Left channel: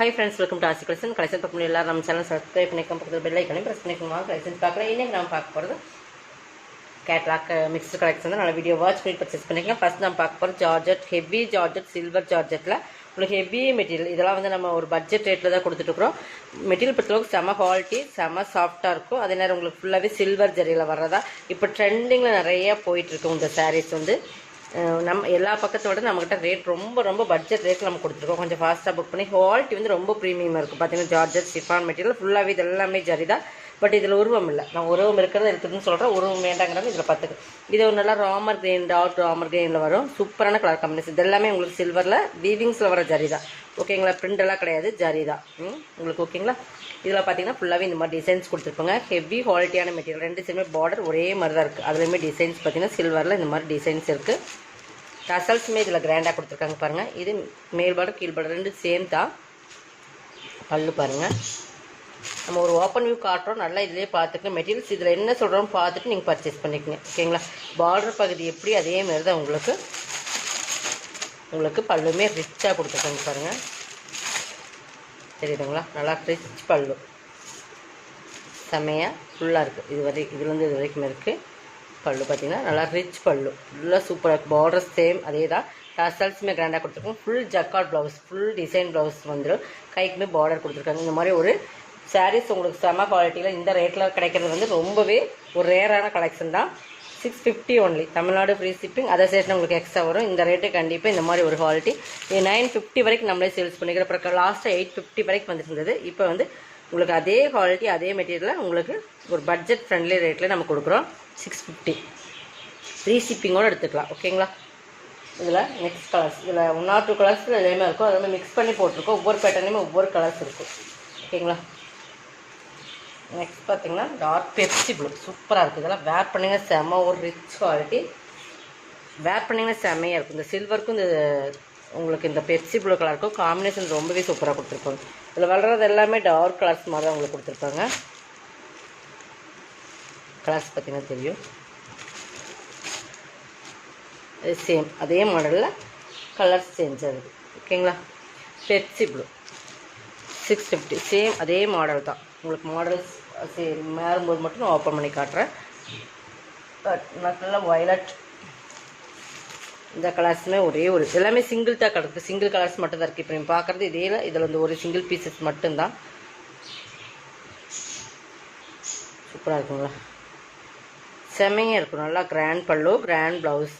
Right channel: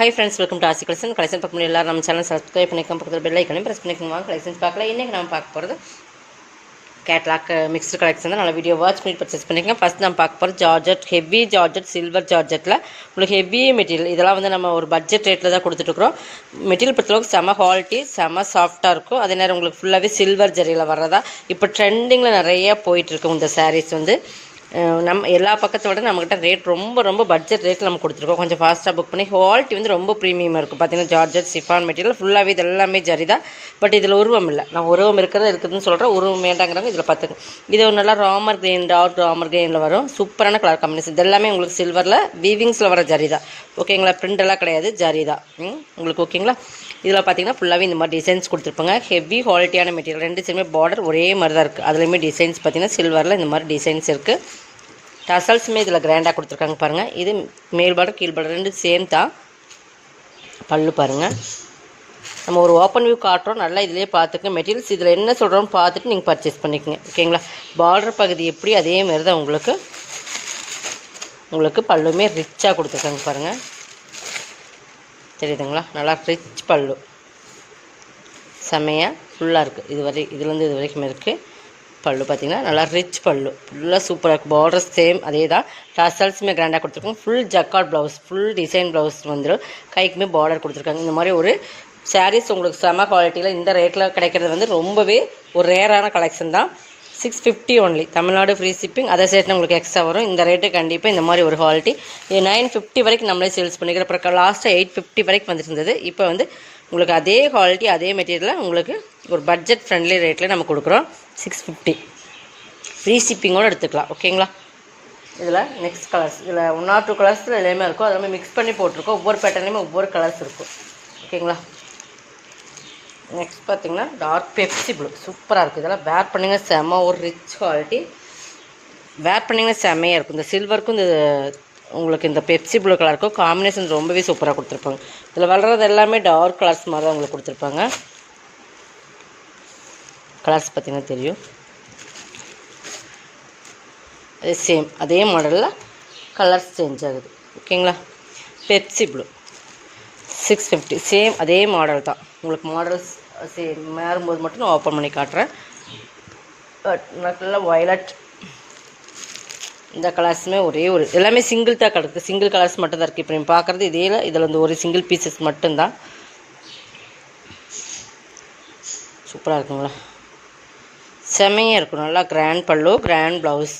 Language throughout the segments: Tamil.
ஹாய் ஃப்ரெண்ட்ஸ், வெல்கம் டு ஆசி கலெக்ஷன். கலெக்ஷன் பார்க்க முடியும் எல்லாரும் நம்ம சேனல் சப்ஸ்கிரைப் பண்ணிக்கலாம், பக்கத்தில் பெல் ஐக்கனையும் ப்ரெஸ் பண்ணிக்கோங்க. கலெக்ஷன்ஸ் பார்க்கலாம். இன்றைக்கி நம்ம பார்க்க போகிறது கேட்லாக் மிக்ஸ்டு கலெக்ஷன் தான். நல்லா வீடியோ வாட்ச் பண்ணி பர்ச்சேஸ் பண்ணிக்கலாம். ஃபஸ்ட் நம்ம பார்க்க போகிறது ஜார்ஜெட், ஹெவி ஜார்ஜெட், சில்வர் ஜார்ஜெட்டில் உங்களுக்கு ஹெவி மெட்டீரியல். இதெல்லாம் வந்து நம்ம ஒரு பட்ஜெட் ரேட்டில் தான் கொடுத்துட்ருக்குறோம். மெட்டீரியல் பொறுத்தளவுக்கு செம குவாலிட்டி, செம சாஃப்டாக இருக்கும். அதே நேரம் உங்களுக்கு ஃபுல்லாகவே சில்வர் ஜரியில் வர்றதா இப்போ ட்ரெண்டிங்கில் நிறைய போயிட்டுருக்கு. இந்த சாரீஸ் வந்து நம்ம எல்லா பக்கத்தோட நம்மக்கிட்ட ரேட் ரொம்ப பட்ஜெட் ரேட்டில் நம்ம கொடுத்துருக்கோம். கொஞ்சம் ஃபாஸ்ட்டாக புக் பண்ணி குவாலிட்டி வந்து ரொம்ப ப்ரீமியமாக இருக்கும். பார்த்தீங்கன்னா ஜார்ஜெட் சிஃபான் மெட்டீரியல் ஃபுல்லாகவே இது எல்லாமே ஜரி தான். பட் இதில் உருவம் இல்லை. நான் உருவம் இருக்குதுன்னு சொல்கிறேன். உருவம் வேண்டாங்கிறாங்க. இதில் பார்த்துங்க, இது ஒரு நல்லா ராமர் கிரீன், டார்க் ராமர் கிரீனில் வரும். சூப்பரான கலர் காம்பினேஷன். இது எல்லாமே உங்களுக்கு சில்வரில் வீவிங்ஸில் வர ஜரி தான். ஓகேங்களா? பிரிண்ட் எல்லாம் கிடையாது, ஜரி தான் உங்களுக்கு. ஓகேங்களா? இதில் பார்த்தீங்கன்னா ஃபுல்லாகவே இந்த மாதிரி டிசைன்ஸ் கொடுத்துருப்பாங்க. ஹெவி குவாலிட்டியான மெட்டீரியல். ரெண்டு சைடுமே பார்டர் ஒரே மாதிரி தான் இருக்குது. அதுலேயுமே டிசைன்ஸ் பார்த்தீங்கன்னா சில்வரில் இந்த மாதிரி டிசைன்ஸ் இருக்குது. டசல்ஸுமே இதில் கிராண்டாக கொடுத்துருக்காங்க பாருங்கள். இது மேல் பார்டர் கீழ் பார்டர் ரெண்டு சேம் தான். பல்லு பாருங்கள். நம்ம ஒரு ஓப்பன் வியூ காட்டுறோம், நல்லா இதிலே பார்த்துக்க. மெட்டீரியல்ஸ் இதில் என்ன சொல்கிறோன்னு பார்த்துட்டு நீங்கள் பர்ச்சேஸ் பண்ணிக்கோங்க. ஓகேங்களா? பார்டர் பகுதி எப்படி அதே மாதிரி தான் உங்களுக்கு பல்லுமே ரிச்சாக கொடுத்துருக்காங்க பாருங்கள். தெரியுதுங்களா? நல்லா ரிச் பல்லு, செம்மையாக ஃபுல்லாக இருக்குது. இதுலேருந்து இது வரைக்கும் இருக்குது. பல்லு பார்த்திங்கன்னா நல்லா ரிச் பல்லு, ஃபுல்லாக சூப்பராக இருக்குது. பார்டர் சேம் அதே தான். டசல்ஸுமே கிராண்டாக கொடுத்துருக்கோம். Full jacquard blouse, full design blouse வந்துடும். கைக்குமே பார்டர் கொடுத்துருக்காங்க. இந்த மாதிரி ஒரு சாரீஸ் உங்களுக்கு செம குவாலிட்டியில் இந்த ரேட்டில் கிடைக்கிறது வந்து ரொம்பவே ஒரு ரேரான கலெக்ஷன் தான். 650 ஒன்லி. Tamil Nadu free shipping. அதை சேர்த்து உங்களுக்கு எக்ஸ்ட்ரா வரும். இந்த ரேட்டு கண்டிப்பாக இந்த மாதிரி ஒரு குவாலிட்டி. இது 950 வரைக்கும் நம்மளே சேல்ஸ் பண்ணிக்கிறோம். அப்புறம் லாஸ்ட்டாக 850 வரைக்கும் வந்துட்டு இருந்தது. இப்போ வந்து உங்களுக்கு அதே குவாலிட்டி அதே மெட்டீரியலில் உங்களுக்கு ஒரு பட்ஜெட் ஃப்ரெண்ட்லி ரேட்டில் நம்ம கொடுக்குறோம். 650 ஃப்ரீ ஷிப்பிங்கோடு எடுத்துக்கலாம். ஓகேங்களா? இதில் நெக்ஸ்ட் கலர்ஸ், இதில் 1 or 2 கலர்ஸில் எல்லாமே இருக்கும். அதெல்லாமே மிக்ஸ் பண்ணி போட்டிருக்கோம். ஒவ்வொரு பேட்டர்லையுமே ஒவ்வொரு கலர்ஸ் இருக்கும். ஓகேங்களா? நெக்ஸ்ட் பார்த்திங்கன்னா டார்க் பெப்சி ப்ளூ சூப்பராக இருக்குது. இதெல்லாம் வேர் பண்ணிங்க செம்ம ஒரு ரிச் குவாலிட்டி. வேர் பண்ணிங்க செம்மையாக இருக்கும். இந்த சில்வருக்கும் இந்த உங்களுக்கு இந்த பெப்சி ப்ளூ கலருக்கும் காம்பினேஷன் ரொம்பவே சூப்பராக கொடுத்துருப்பாங்க. இதில் வளர்கிறது எல்லாமே டார்க் கலர்ஸ் மாதிரி தான் உங்களுக்கு கொடுத்துருப்பாங்க. கலர்ஸ் பார்த்திங்கன்னா தெரியும். அது சேம் அதே மாடலில் கலர்ஸ் சேஞ்ச் ஆகுது. ஓகேங்களா? பெப்சி ப்ளூ 650 சேம் அதே மாடல் தான். உங்களுக்கு மாடல்ஸ் சேம் மாறும்போது மட்டும் நான் ஓப்பன் பண்ணி காட்டுறேன். நல்லா வயலட். இந்த கலர்ஸுமே ஒரே ஒரு எல்லாமே சிங்கிள் தான் கிடக்குது. சிங்கிள் கலர்ஸ் மட்டும் தான் இருக்குது. இப்போ நீங்கள் பார்க்குறது இதில் வந்து ஒரு சிங்கிள் பீசஸ் மட்டும்தான். சூப்பராக இருக்குங்களா? செம்மையாக இருக்கும். நல்லா கிராண்ட் பல்லு, கிராண்ட் ப்ளவுஸ்.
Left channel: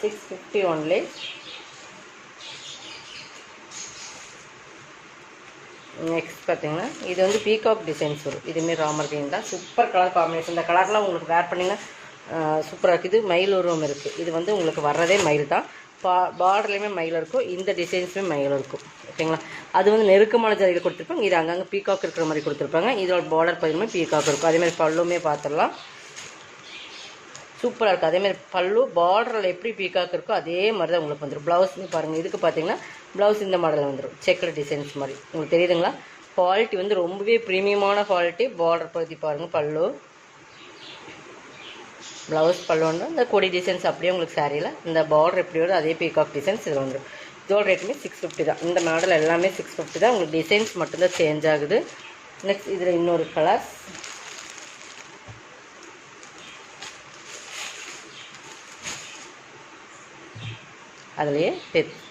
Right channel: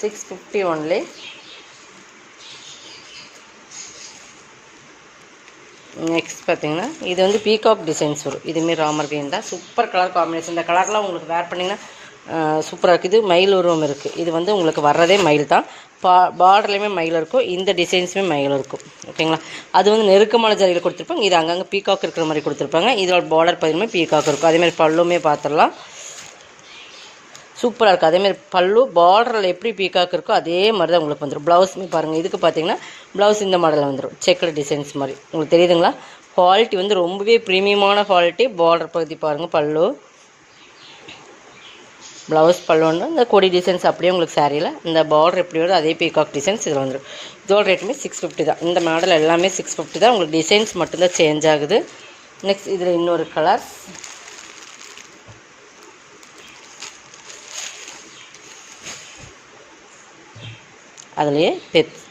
650 ஒன்லி. நெக்ஸ்ட் பார்த்தீங்கன்னா இது வந்து பீகாக் டிசைன்ஸ் வரும். இதுமாரி ராமர் கிரீன் தான். Super colour combination. இந்த கலர்லாம் உங்களுக்கு வேர் பண்ணிங்கன்னா சூப்பராக இருக்குது. இது மயில் உருவம் இருக்குது. இது வந்து உங்களுக்கு வர்றதே மயில் தான். பார்டர்லேயுமே மயில் இருக்கும். இந்த டிசைன்ஸுமே மயில் இருக்கும். ஓகேங்களா? அது வந்து நெருக்கமான ஜரியில் கொடுத்துருப்பாங்க. இது அங்கங்கே பீகாக் இருக்கிற மாதிரி கொடுத்துருப்பாங்க. இதோட பார்டர் பதிலுமே பீகாக் இருக்கும். அதேமாதிரி பல்லுமே பார்த்துடலாம். சூப்பராக இருக்குது. அதேமாதிரி பல்லு பார்டரில் எப்படி பீகாக் இருக்கோ அதே மாதிரி தான் உங்களுக்கு வந்துடும். ப்ளவுஸுமே பாருங்கள். இதுக்கு பார்த்தீங்கன்னா ப்ளவுஸ் இந்த மாடலில் வந்துடும். செக்கர் டிசைன்ஸ் மாதிரி உங்களுக்கு தெரியுதுங்களா? குவாலிட்டி வந்து ரொம்பவே ப்ரீமியமான குவாலிட்டி. பார்டர் பகுதி பாருங்கள். பல்லு, ப்ளவுஸ், பல்லுன்னு இந்த கொடி டிசைன்ஸ் அப்படியே உங்களுக்கு சாரியில் இந்த பார்டர் எப்படி வருது அதே பீகாக் டிசைன்ஸ் இதில் வந்துடும். இதோட ரேட்டுமே 650 தான். இந்த மாடல் எல்லாமே 650 தான். உங்களுக்கு டிசைன்ஸ் மட்டும்தான் சேஞ்ச் ஆகுது. நெக்ஸ்ட் இதில் இன்னொரு கலர்ஸ். அதுலேயே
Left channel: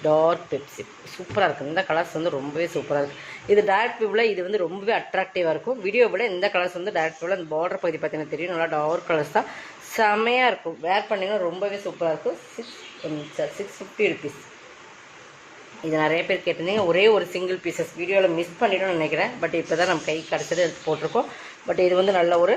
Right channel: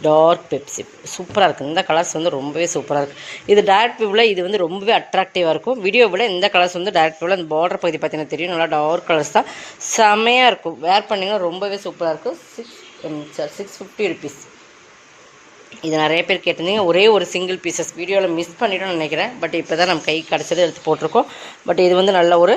டார்க் பெப்சி சூப்பராக இருக்குது. இந்த கலர்ஸ் வந்து ரொம்பவே சூப்பராக இருக்குது. இது டேரக்ட் வியூவில் இது வந்து ரொம்பவே அட்ராக்டிவாக இருக்கும். வீடியோ விட இந்த கலர்ஸ் வந்து டேரக்ட் வியூவில் அந்த பார்டர் பகுதி பார்த்தீங்கன்னா தெரியும். நல்லா டார்க் கலர்ஸ் தான். செம்மையாக இருக்கும். வேர் பண்ணிங்கன்னா ரொம்பவே சூப்பராக இருக்கும். 650 ருபீஸ். இது நிறைய பேர் கேட்டிருந்தீங்க. ஒரே ஒரு சிங்கிள் பீசஸ் வீடியோவில் மிஸ் பண்ணிட்டோம்னு நினைக்கிறேன். பட் இப்போ தான் நம்ம கை கிடச்சதை எடுத்து போட்டிருக்கோம். பட் இது வந்து நல்ல ஒரு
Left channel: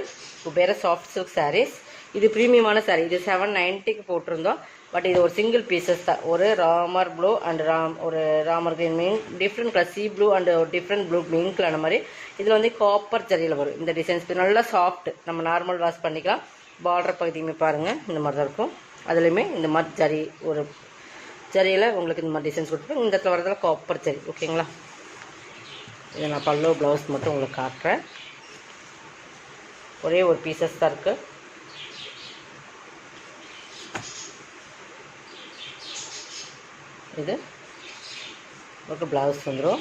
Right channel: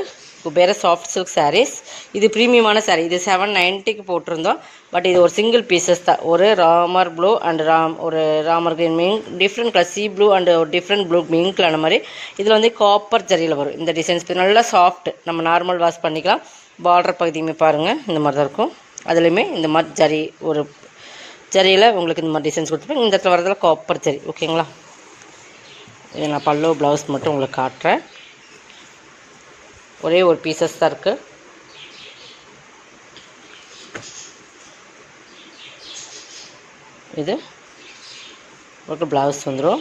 வேறு சாஃப்ட் சில்க் சாரீஸ். இது ப்ரீமியமான சாரீ. இது 790க்கு போட்டிருந்தோம். பட் இது ஒரு சிங்கிள் பீசஸ் தான். ஒரு ராமர் ப்ளூ அண்ட் ஒரு Ramar green mink, different colour C blue and ஒரு டிஃப்ரெண்ட் ப்ளூ மிங்க்கில் அந்த மாதிரி. இதில் வந்து காப்பர் ஜரியில் வரும். இந்த டிசைன்ஸ் நல்லா சாஃப்ட். நம்ம நார்மல் வாஷ் பண்ணிக்கலாம். பார்டர் பகுதியுமே பாருங்கள் இந்த மாதிரி தான் இருக்கும். அதுலேயுமே இந்த மாதிரி ஜரி ஒரு ஜரியில் உங்களுக்கு இந்த மாதிரி டிசைன்ஸ் கொடுத்துருப்பேன். இந்த இடத்துல வரதில் காப்பர் ஜரி. ஓகேங்களா? இது நான் பல்லு ப்ளவுஸ் மட்டும் உங்களுக்கு காட்டுறேன். ஒரே ஒரு பீசஸ் தான் இருக்குது. இது உங்களுக்கு ப்ளவுஸ் வந்துடும்.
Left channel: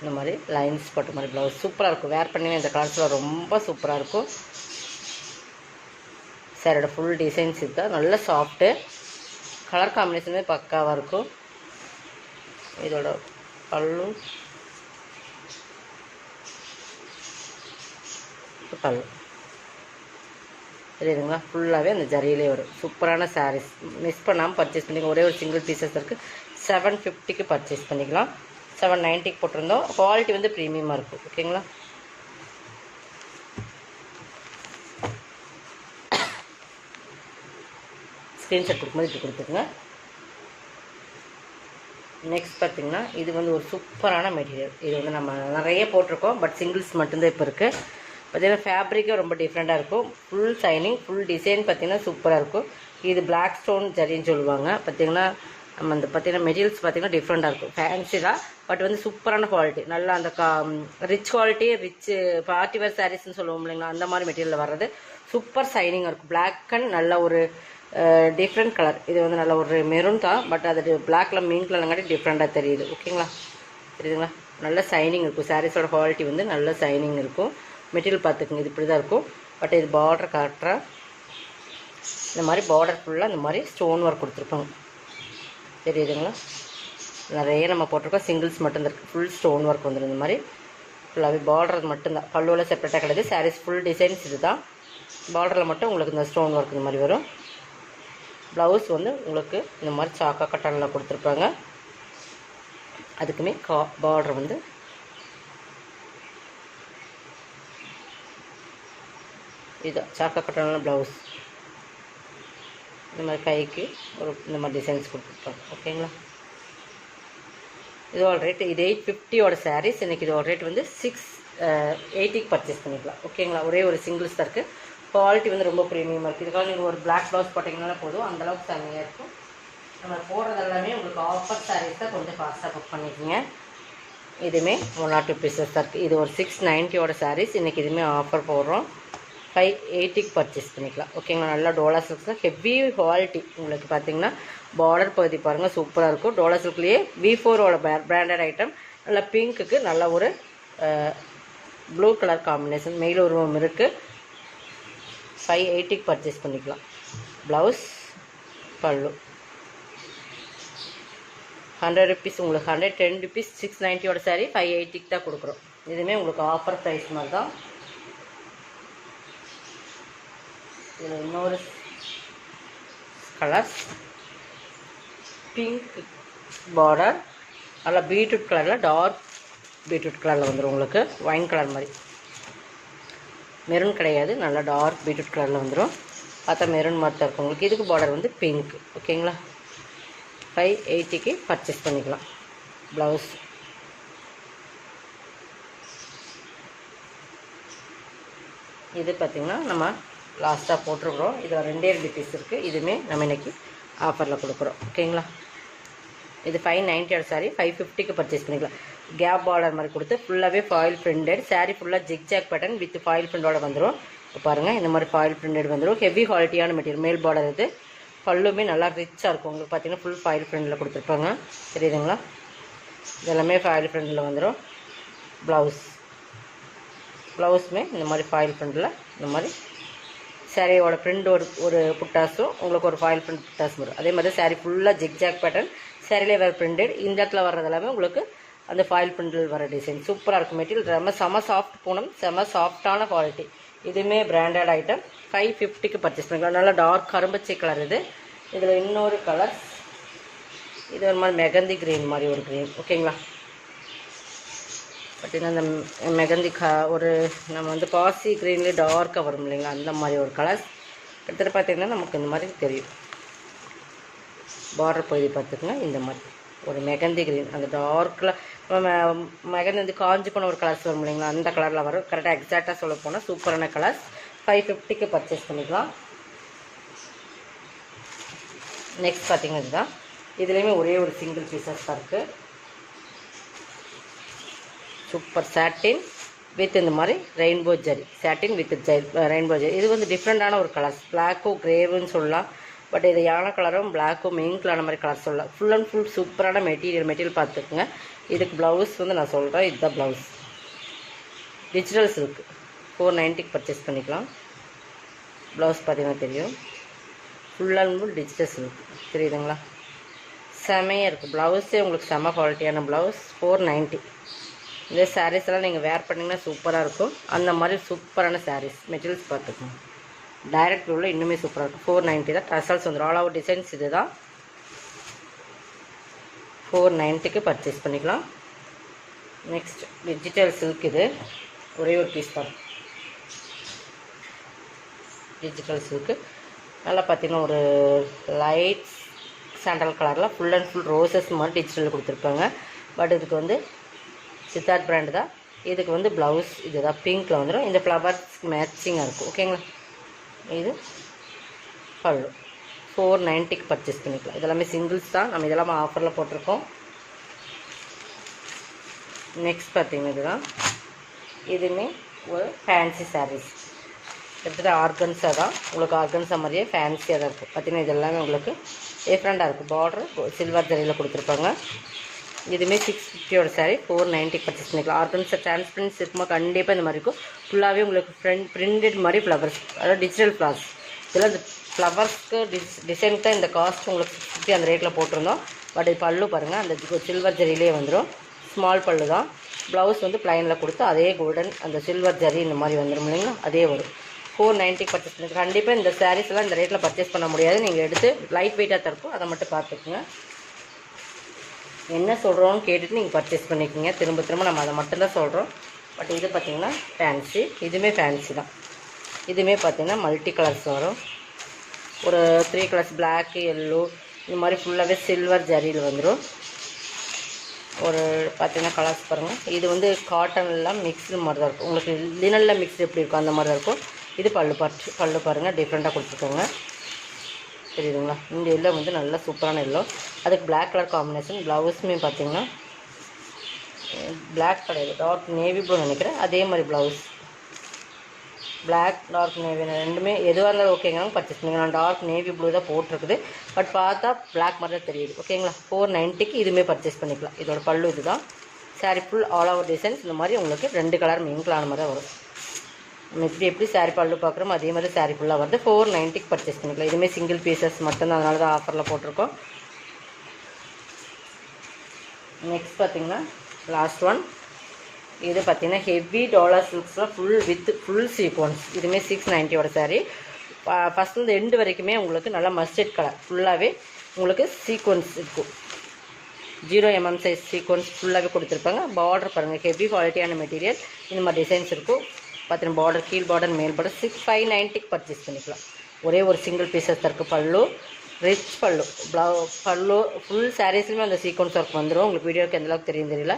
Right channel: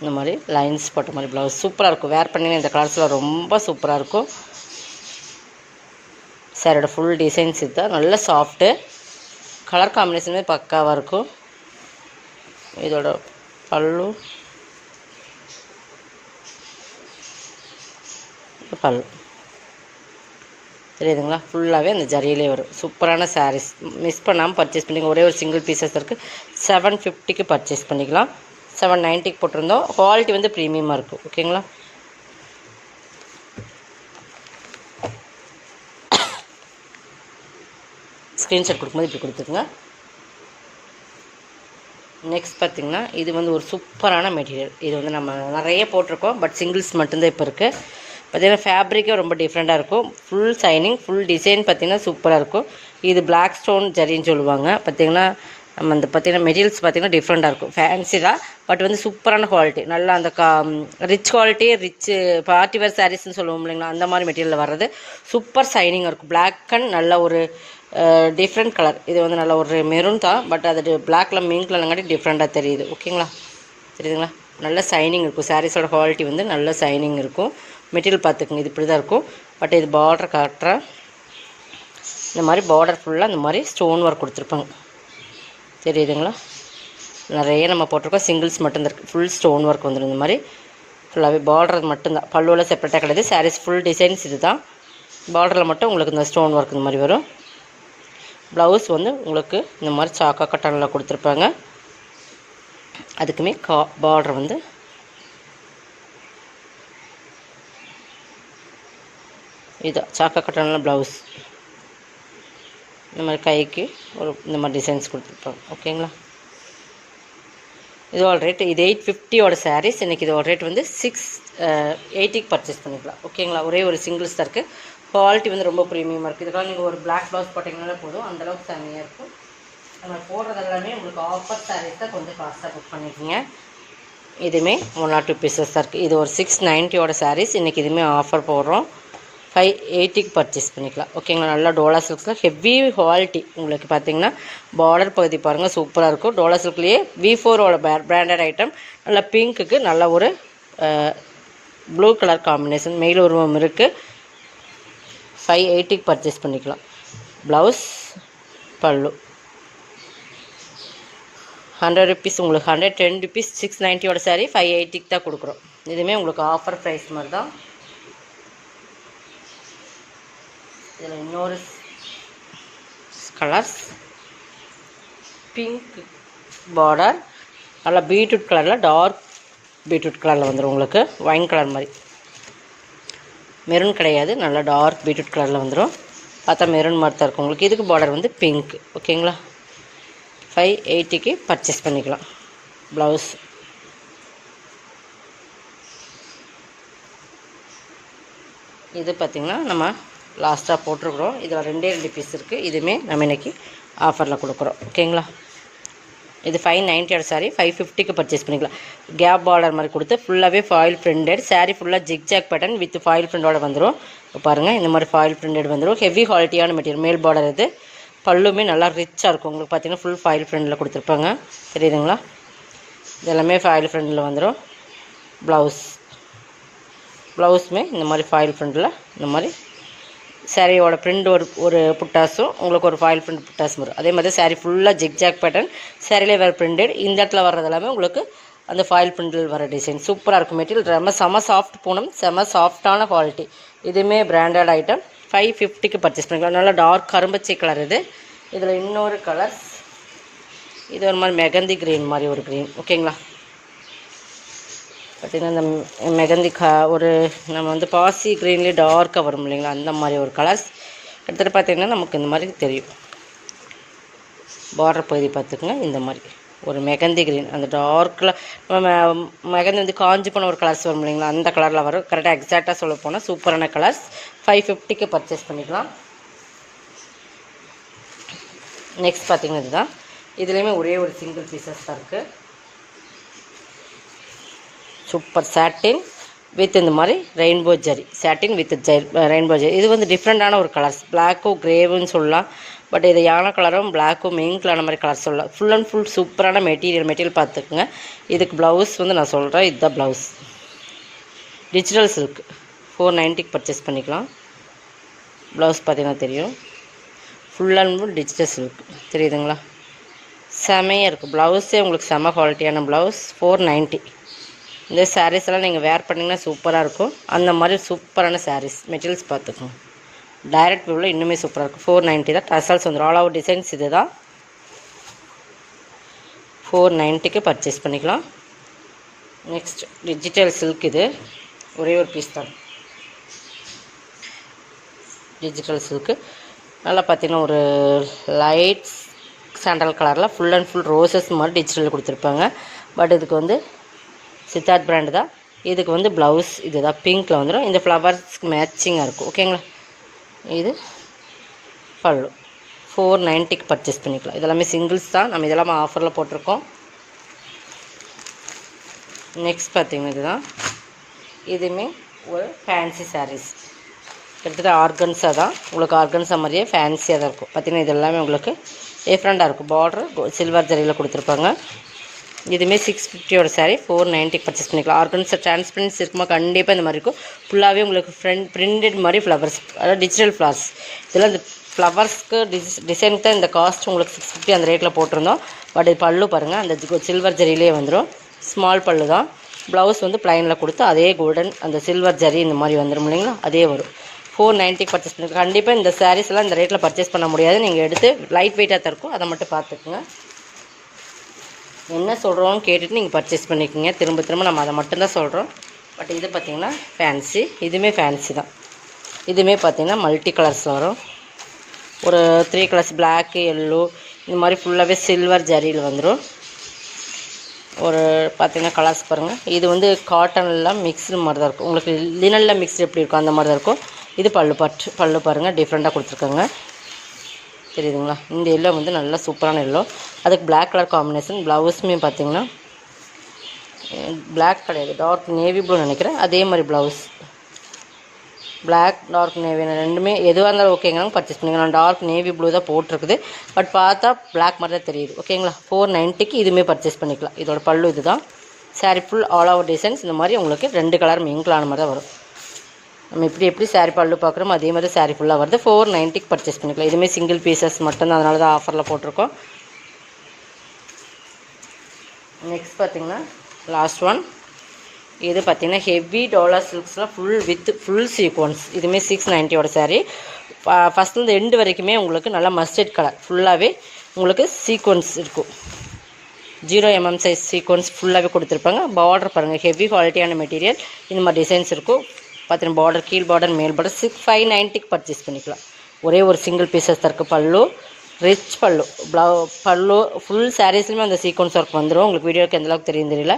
இந்த மாதிரி லைன்ஸ் போட்ட மாதிரி ப்ளவுஸ் சூப்பராக இருக்கும். வேர் பண்ணிங்கன்னா இந்த கலர்ஸில் ரொம்ப சூப்பராக இருக்கும். சாரோட ஃபுல் டிசைன்ஸ் இதுதான். நல்ல சாஃப்ட்டு, கலர் காம்பினேஷனுமே பக்காவாக இருக்கும். இதோட பல்லு தெரியுதுங்களா, ஃபுல்லாகவே அந்த ஜரியிலே வரும். சூப்பரான சாரீஸ், மிஸ் பண்ணாமல் பர்ச்சேஸ் பண்ணிக்கலாம். ஒரே ஒரு சிங்கிள் பீசஸ் இருக்குது. 750க்கு பர்ச்சேஸ் பண்ணிக்கலாம். 790க்கு போட்டிருந்தோம். குவாலிட்டி வந்து ப்ரீமியமாக இருக்கும். ஓகேங்களா. ஸ்க்ரீன்ஷாட் கொடுக்கும்போது இப்படி கொடுத்துருங்க. நெக்ஸ்ட் பார்த்திங்கன்னா இது வந்து ஒரு சூப்பரான மெட்டீரியல். இது வந்து நம்ம நிறைய போட்டிருக்கோம், பட் சிங்கிள்ஸ் மட்டும்தான் இப்போ இருக்குது. பார்த்திங்கன்னா ஃபேப்ரிக்கே ரொம்ப டிஃப்ரெண்ட்டாக இருக்கும். ஃபுல் ஷைனிங், ஃபுல் டிசைன் பார்த்திங்கன்னா சூப்பராக இருக்கும். இது பிளாக் ஸ்டோன் ஜரின்னு சொல்லுவாங்க. பார்த்திங்கன்னா நம்ம இந்த பார்த்திங்கன்னா மெட்டீரியல்ஸ் பார்த்திங்கன்னா டிஃப்ரெண்ட்டாக இருக்கும். ஃபேன்சி தான், பட் வந்து சூப்பரான குவாலிட்டி. நல்லா அந்த rich quality, rich party wear சாரீஸ்ன்னு சொல்லுவோம் இல்லைங்களா, அந்த மாதிரி மெட்டீரியலில் வர்றது. சூப்பர் ஷைனிங்காக இருக்கும். பிளாக் அண்ட் நல்ல ஒரு டிஃப்ரெண்ட் கலர். இது வந்து நல்ல ஒரு மெரூன் தான், பட் அது பிளாக்ல மீன் கலர்ங்காட்டி டிஃப்ரெண்ட்டாக தெரியுது. ஓகேங்களா, தெரியுதுங்களா. நல்ல ஷைனிங் இருக்கும். சாரீஸோட குவாலிட்டி வந்து நல்ல ஷைனிங் இருக்கும். மெட்டீரியல் பார்த்துக்குங்க, இது இப்படி தான் இருக்கும். பட் இது பார்டர் காட்டுறேன். இந்த மாதிரி பார்டர் ஃபுல்லாக இந்த மாதிரி ஸ்டோன் ஒர்க் கொடுத்துருப்பாங்க. தெரியுதுங்களா, நிறைய நம்ம போட்டிருக்கோம். சிங்கிள்ஸ் மட்டும்தான் இருக்குது. ஃபுல் ஸ்டோன் ஒர்க் வந்துடும். இந்த மாதிரி ஃபுல்லாகவே பார்டர் மட்டும்தான். பல்லுவில் செப்பரேட்டாக கிடையாது. சாரீஸ் ஃபுல் டிசைன்ஸ் இது தான். பார்டரில் மட்டும் உங்களுக்கு இந்த ஸ்டோன் ஒர்க் இந்த மாதிரி வரும். ப்ளவுஸ் வந்து உங்களுக்கு இந்த மாதிரி சாக்கா கட்டனில் கொடுத்துருப்பாங்க. அதுக்குமே பார்டர் வந்து இதுதான் சாக்கா கட்டனில் ப்ளவுஸ். இந்த மாதிரி கைக்கு ஒரு இந்த மாதிரி டிசைன்ஸ் கொடுத்துருப்போம். ஓகேங்களா. இதோட ரேட்டு இது 850யோட சாரீஸ். இன்றைக்கி இதோட ரேட் வந்து 680க்கு பர்ச்சேஸ் பண்ணிக்கலாம். ஓகேங்களா. ஒரே ஒரு சிங்கிள்ஸ் தான் இருக்குது. குவாலிட்டி வந்து ரொம்ப ப்ரீமியமாக இருக்குது. இதுக்காக நீங்கள் ஒரு பிளாக் ப்ளவுஸ் போட்டிங்கனாலே போதும், அந்தளவுக்கு செம்மையாக இருக்கும். நம்ம போடுறது எல்லாமே உங்களுக்கு ஆஃபர் சாரீஸ் தான், கொஞ்சம் ஃபாஸ்ட்டாக புக் பண்ணிக்கோங்க. இதுவுமே 1 or 2 பீசஸ் தான் இருக்குது. இது ஒரு 690யோட சாரீஸ். இன்றைக்கி இதுவுமே ஆஃபர் போடுறோம். 580க்கு பர்ச்சேஸ் பண்ணிக்கலாம். ஓகேங்களா. நல்லா டோலா சில்க்ஸில் ஹெவி குவாலிட்டி. உங்களுக்கு பார்த்திங்கன்னா பார்டர் பகுதி பாருங்கள் சூப்பராக இருக்கும். டோலா சில்க்லேயே V4ஓட பிராண்டட் ஐட்டம். நல்லா பிங்க்குக்கு நல்ல ஒரு ப்ளூ கலர் காம்பினேஷன் மெயில் உருவம் இருக்குது. 580க்கு பர்ச்சேஸ் பண்ணிக்கலாம். ப்ளவுஸ், பல்லு 100 rupees. உங்களுக்கு 110 rupees 690யோட சாரீ 580க்கு தான் கொடுக்குறோம். இதுவுமே உங்களுக்கு ஆஃபர் ப்ரைஸ் மாதிரி தான். இதில் இன்னொரு கலர்ஸ் பிங்க் பார்டர், நல்லா பீட்ரூட் கலரில், டார்க் பீட்ரூட் கலரில் வந்துடும். உங்களுக்கு ஒயின் கலர் மாதிரி, மெரூன் கிடையாது, நல்லா டார்க் பீட்ரூட் கலரில் வந்துடும். பார்த்தா மெரூன் மாதிரி தான் இருக்கும் உங்களுக்கு. இதுக்கு பார்டர் வந்து பிங்க். ஓகேங்களா. 580க்கு பர்ச்சேஸ் பண்ணிக்கலாம். ப்ளவுஸ், இது பார்த்திங்கன்னா நம்ம லாஸ்ட்டாக போட்டிருக்குறோம். இதில் 2 பீஸ் இருக்குது. இதுவுமே நம்ம இன்றைக்கி ஆஃபரில் கொடுக்குறோம். ஓகேங்களா. இது 590 சாரீ 550க்கு பர்ச்சேஸ் பண்ணிக்கலாம். கேப் பார்டர் மாதிரி கொடுத்து ஃபுல்லாகவே ஃபாயில் பிரிண்டட் சாரீ. ஃபுல்லாக ஜிக்ஜாக் பேட்டர்ன் வித் ஃபாயில் பிரிண்டோட வந்துடும். பாருங்கள், இந்த மாதிரி ஃபாயில் பிரிண்டட் வந்துடும். ஹெவி குவாலிட்டியான மெட்டீரியல். மேல் பார்டர் இது. பல்லுமே நல்லா ரிச்சாக இருக்கும். உங்களுக்கு பார்த்திங்கன்னா ஃபுல் ஃபாயில் பிரிண்டில் கொடுத்துருப்பாங்க. தெரியுதுங்களா. இதெல்லாமே ஃபாயில் பிரிண்டில் வந்துடும். ப்ளவுஸுமே இந்த மாதிரி ஃபாயில் பிரிண்டில் இந்த மாதிரி சாரியோட பிரிண்ட் ஒரு புட்டாஸும் உங்களுக்கு ஒரு ஃபாயில் பிரிண்ட் புட்டாஸும் வரும். அதே மாதிரி சாரீ ஃபுல்லாக ஜிக்ஜாக் பேட்டர்ன். சாரிலே வேறு பிரிண்டட். இந்த இடத்துல வர்றது எல்லாமே உங்களுக்கு அந்த ஃபாயில் பிரிண்டில் வர டிசைன் சூப்பராக இருக்கும். மெட்டீரியல் ரொம்ப செம சாஃப்ட் பூனம், செம சாஃப்டான குவாலிட்டி. இதுவுமே பிராண்டட் ஐட்டம். 550க்கு பர்ச்சேஸ் பண்ணிக்கலாம். நல்லா டார்க் கரும்பச்சை கலர் இது. இதில் இன்னொரு கலர்ஸ், இது ஒரு மாதிரி மெகந்தி க்ரீன் மாதிரி ஒரு க்ரீன். ஓகேங்களா. பார்த்திங்கன்னா இந்த மெகந்தி ஒரு நம்ம வந்து பாசி க்ரீன்லேயே டார்க்காக வரும் இல்லைங்களா, அந்த மாதிரி ஒரு கலர்ஸ். கிட்டத்தட்ட பார்த்திங்கன்னா நமக்கு இந்த மாதிரி தெரியும். பார்டர் பகுதி பார்த்துக்குங்க. இந்த மாதிரி ஒரு மெகந்தி க்ரீன், அந்த டார்க்கில் மெகந்தி வந்து காஞ்சி போன ஒரு கலர்ஸ் வரும் இல்லைங்களா, அந்த கலரில் வரும். கரெக்டாக எக்ஸாக்டாக சொல்ல போனால் சூப்பரான கலர்ஸ். 550க்கு பர்ச்சேஸ் பண்ணிக்கலாம். நெக்ஸ்ட் பார்த்திங்கன்னா இதுதான். இதுலேயுமே ஒரே ஒரு சிங்கிள் பீசஸ் தான் இருக்குது. சூப்பர் சாட்டின் வித் இந்த மாதிரி rainbow zari. Satin with rainbow zari. இது வந்து டிஃப்ரெண்ட்டான ஒரு கலர்ஸ். பிளாக்கும் கிரேவுன்னு சொல்லலாம். பட் இது யானை கலரும் பிளாக்கும் மெயின் கலர் மாதிரி கலர் சொல்லலாம். ஃபுல் அண்ட் ஃபுல் சூப்பரான மெட்டீரியல் பார்த்துக்குங்க. இதுக்கு ப்ளவுஸ் வந்து நான் சொல்கிறேன், இதுதான் ப்ளவுஸ். டிஜிட்டல் சில்க் 490க்கு பர்ச்சேஸ் பண்ணிக்கலாம். ப்ளவுஸ் பார்த்தீங்கன்னா தெரியும், full and full digital silk தெரியுதுங்களா, செமையாக இருக்குது. ப்ளவுஸே உங்களுக்கு செம குவாலிட்டியான ப்ளவுஸ். 490. இந்த சாரீஸ் எல்லாம் நீங்கள் வேர் பண்ணிங்கன்னா சூப்பராக இருக்கும். அந்த மாதிரி சூப்பரான சாரீஸ் மெட்டீரியல்ஸ் பார்த்துக்கோங்க. டைரக்ட் வியூவில் இன்னுமே சூப்பராக இருக்கும். 490 தான். டசல்ஸ் வந்துடும். ஆல் ஓவர் டிசைன்ஸ் இது தான். 490க்கு பர்ச்சேஸ் பண்ணிக்கலாம். Next digital silk. இது ஒரே ஒரு பீஸ் தான். டிஜிட்டல் சில்க்கு நல்லா பார்த்தீங்கன்னா ஒரு லைட் சாண்டல் கலரில் ஃபுல் அண்ட் ஃபுல் ரோசஸ் மாதிரி டிஜிட்டலில் கொடுத்துருப்பாங்க. பட் இதுக்கு வந்து சித்தார்த் பிராண்டு தான். இதுக்கு வந்து ப்ளவுஸ் இது தான் பிங்க்கில் வந்துடும். இந்த ஃப்ளவர்ஸ்க்கு மேட்சிங்காக இருக்கும். ஓகேங்களா. இது பல்லு. 490க்கு பர்ச்சேஸ் பண்ணிக்கலாம். இதெல்லாமே சிங்கிள்ஸ் தான். நம்ம இதெல்லாமே ஆஃபரில் போட்டிருக்கோம். நெக்ஸ்ட் பார்த்தீங்கன்னா இதுதான். இதுவுமே ஒரு ஃபேன்சி சாரீஸ். கிட்டத்தட்ட ஆர்கன்ஸாக தான். உங்களுக்கு ஆர்கன்ஸா மாதிரியே ஃபேன்சியாக தான் இருக்கும். பார்த்திங்கன்னா இது எல்லாமே உங்களுக்கு டிஃப்ரெண்ட்டாக இருக்கும். பார்டர் சில்வர் ஜரியில் கொடுத்துருப்பாங்க. இதுவுமே 650 சாரீ 490க்கு பர்ச்சேஸ் பண்ணிக்கலாம். ஆர்கன்ஸா டிரான்ஸ்பரன்ஸ் இருக்குமா கண்டிப்பாக இந்த மாதிரி இருக்கும். ஃபுல்லாகவே உங்களுக்கு பிரிண்டட் மாதிரி ஃப்ளவர்ஸ், அதாவது டிஜிட்டல் ஃப்ளவர்ஸ். இதெல்லாம் இந்த ஃப்ளவர்ஸ்க்கு டிசைனுக்கு தான் இந்த காஸ்ட் உங்களுக்கு 650 அந்த ரேட்டில் போட்டிருந்தோம். பட் இது பல்லு பாருங்கள், அந்த சில்வர் ஜரியிலே வந்துடும். ஸ்மால் பல்லு தான். ப்ளவுஸ் வந்து ப்ளைனில் கொடுத்து அதே கோல்டன் அந்த சில்வர் ஜரி இந்த மாதிரி வந்துடும் இல்லைங்களா, அதே வரும். 490க்கு பர்ச்சேஸ் பண்ணிக்கலாம். கண்டிப்பாக இந்த சாரீஸ்லாம் இந்த ரேட்டில் பர்ச்சேஸ் பண்ண முடியாது. நீங்கள் எடுத்து லைட் வெயிட்டாக தான் இருக்கும், அதை மட்டும் பார்த்துக்குங்க. என்ன சொல்கிறோன்னு கேட்டுட்டு நீங்கள் பர்ச்சேஸ் பண்ணிக்கோங்க. திரும்ப திரும்ப நம்ம அதை மட்டும்தான் சொல்கிறோம். பட் இது பார்த்திங்கன்னா ஃபேன்சி. இதுவுமே ஃபேன்சி தான். இதுவுமே பார்த்திங்கன்னா மல்டி கலர்ஸில் வரும். ஒரு 3 கலர்ஸ், பிளாக்கு, எல்லோ, இந்த மாதிரி ஃபுல்லாகவே சில்வர் ஜரியில் வந்துடும். ஒரு பார்த்திங்கன்னா கலர்ஸ் பாருங்கள். இது வந்து காட்டன்லாம் மிக்ஸ்டு மாதிரி தான் இருக்கும். உங்களுக்கு லினனில் மிக்ஸ்டு எப்படி இருக்கும் அந்த மாதிரி தான் இருக்கும். இது பல்லு பாருங்கள், டிஃப்ரெண்ட்டாக கொடுத்துருக்காங்க. தெரியுதுங்களா. இந்த எல்லோ வந்து நல்லா சூப்பரான எல்லோ. அதுக்கு பிளாக் கலர் காம்பினேஷன். ப்ளவுஸுமே பார்த்திங்கன்னா பிளாக் கிடையாது, டார்க் நேவி ப்ளூ நினைக்கிறேன். அதே மாதிரி ப்ளவுஸ் பிளாக் டார்க் நேவி ரெண்டுமே எதுவாக இருந்தாலும் ஓகேங்களாங்க பர்ச்சேஸ் பண்ணிக்கலாம். டார்க் நேவி ப்ளூ தான் போட்டிருக்குது. பட் பார்த்தா பிளாக் மாதிரி தான் தெரியுது. ஓகேங்களா. 490க்கு இதுவுமே பர்ச்சேஸ் பண்ணிக்கலாம். இதோட பல்லு இது தான். Sari full all over designs இந்த மாதிரி உங்களுக்கு 2 கலர் மிங்கிளான மாதிரி தான் வரும். நம்ம எப்படி சாரீ பல்லு பார்க்குறோமோ அதே மாதிரி சாரீ ஃபுல்லாக வருது. 490க்கு பர்ச்சேஸ் பண்ணிக்கலாம். இதுவுமே சிங்கிள் பீசஸ் மட்டும்தான், அதனால தான் ஆஃபரில் போட்டிருக்கோம். நெக்ஸ்ட் பார்த்திங்கன்னா லாஸ்ட் ஒன். இது பார்த்திங்கன்னா ஹெவி டாலர் சில்க்ஸில் ஃபுல் சீக்வன்ஸ். இதுவுமே 690 சாரீ. ஃபஸ்ட்லேருந்து எண்டு வரைக்குமே உங்களுக்கு நல்லா மஸ்டர்ட் கலர் ஃபுல்லாகவே உங்களுக்கு சீக்வன்ஸ் இருக்கும். 0 mm சைஸ் சீக்வன்ஸ் ஃபுல்லாகவே கொடுத்துருப்பாங்க. பார்டர் பாருங்கள், ஹெவி குவாலிட்டியான மெட்டீரியல். இந்த மாதிரி டிசைன்ஸ் இருக்கும். பார்த்தீங்கன்னா பார்டர், கீழ் பார்டர், மேல் பார்டர். 590க்கு பர்ச்சேஸ் பண்ணிக்கலாம். ஒரே ஒரு சிங்கிள் பீசஸ் தருக்கு. பல்லு ரிச் பல்லு. பல்லு ஃபுல் சாரீஸ்லையுமே அந்த சீக்வன்ஸ் ஒர்க் வந்துடும். உங்களுக்கு வீடியோக்கு எந்தளவுக்கு தெரியும் தெரியல.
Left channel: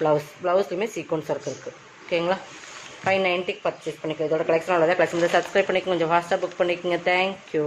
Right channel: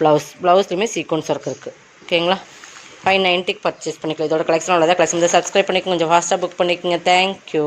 ப்ளவுஸ்லையுமே சீக்வன்ஸ் ஒர்க் இருக்குது. ஓகேங்களா. 590க்கு பர்ச்சேஸ் பண்ணிக்கலாம். இதோட கலெக்ஷன் உள்ளதா. கலெக்ஷன் சப்ஸ்கிரைப் பண்ணிக்கோங்க, கொஞ்சம் ஃபாஸ்ட்டாக புக் பண்ணிக்கோங்க. தேங்க்யூ.